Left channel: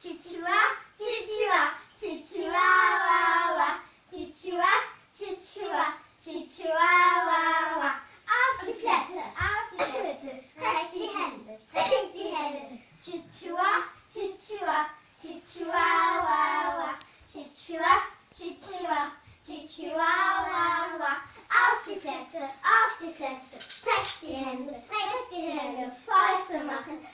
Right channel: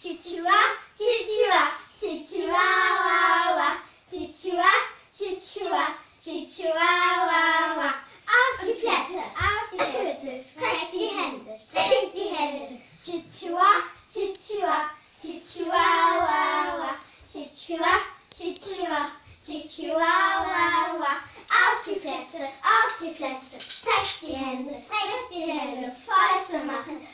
Chichua, Chichua, Chihuahua, Chichua, Chichua, Chihuahua. Auf die Plätze, streck die Hände, Chichua, Chichua, Chihuahua, Chichua, Chichua, Chihuahua. Auf die Plätze, streck die Hände, Fäuste machen,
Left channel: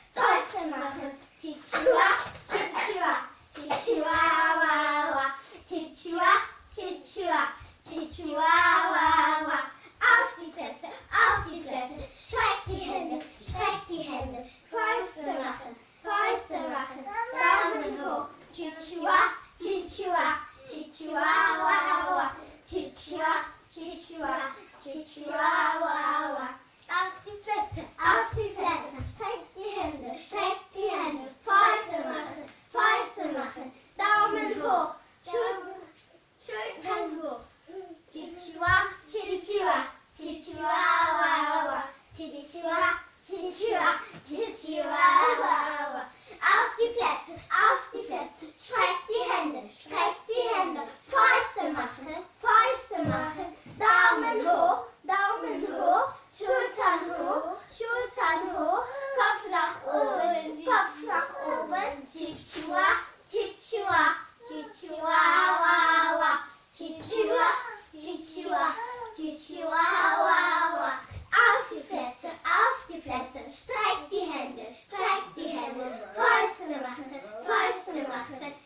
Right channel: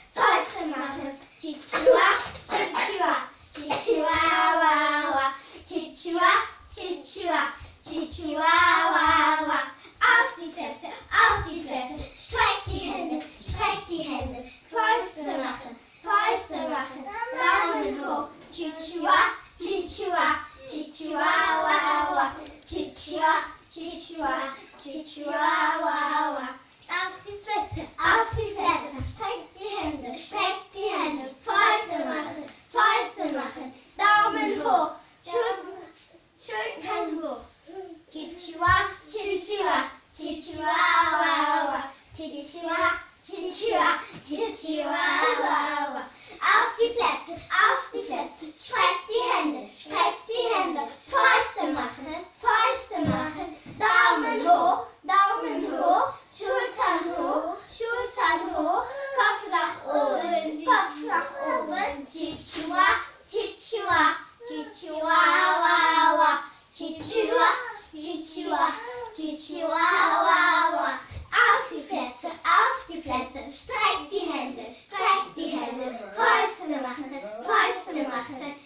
Chichua, Chichua, Chihuahua, Chichua, Chichua, Chihuahua. Auf die Plätze, streck die Hände, Fäuste machen, Daumen hoch, Chichua, Chichua, Chihuahua, Chichua, Chichua, Chihuahua. Auf die Plätze, streck die Hände, Fäuste machen, Daumen hoch, Schultern hoch. Chichua, Chichua, Chihuahua, Chichua, Chichua, Chihuahua. Auf die Plätze, streck die Hände, Fäuste machen, Daumen hoch, Schultern hoch, Kopf nach oben, Chichua, Chichua, Chihuahua, Chichua, Chichua, Chihuahua. Auf die Plätze, streck die Hände, Fäuste machen,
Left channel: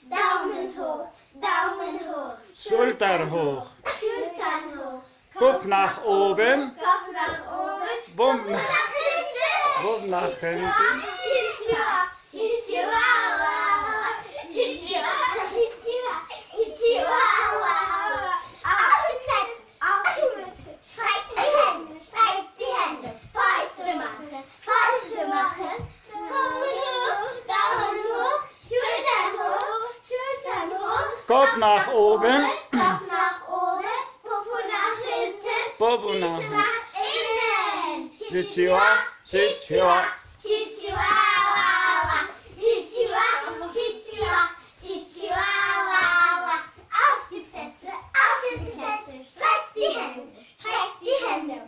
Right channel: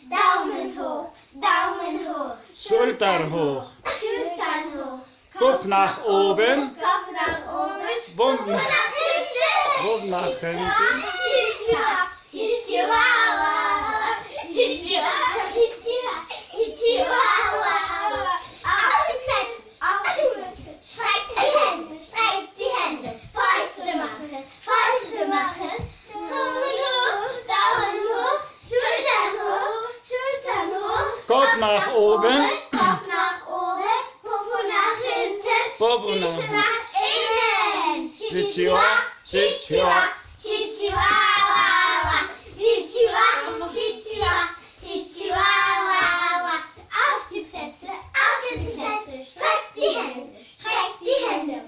Daumen hoch, Schultern hoch, Kopf nach oben, Bumm nach hinten. Streck die Hände, Fäuste machen, Daumen hoch, Schultern hoch, Kopf nach oben, Popo nach hinten, Füße nach innen. Chichua, Chichua, Chihuahua, Chihuahua. Auf die Plätze, streck die Hände,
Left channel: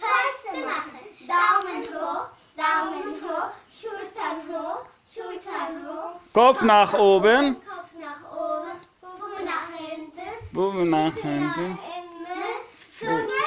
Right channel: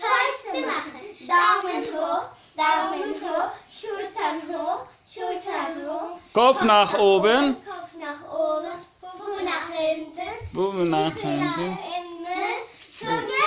Fäuste machen, Daumen hoch, Schultern hoch, Kopf nach oben, Popo nach hinten, Bumm nach hinten. innen,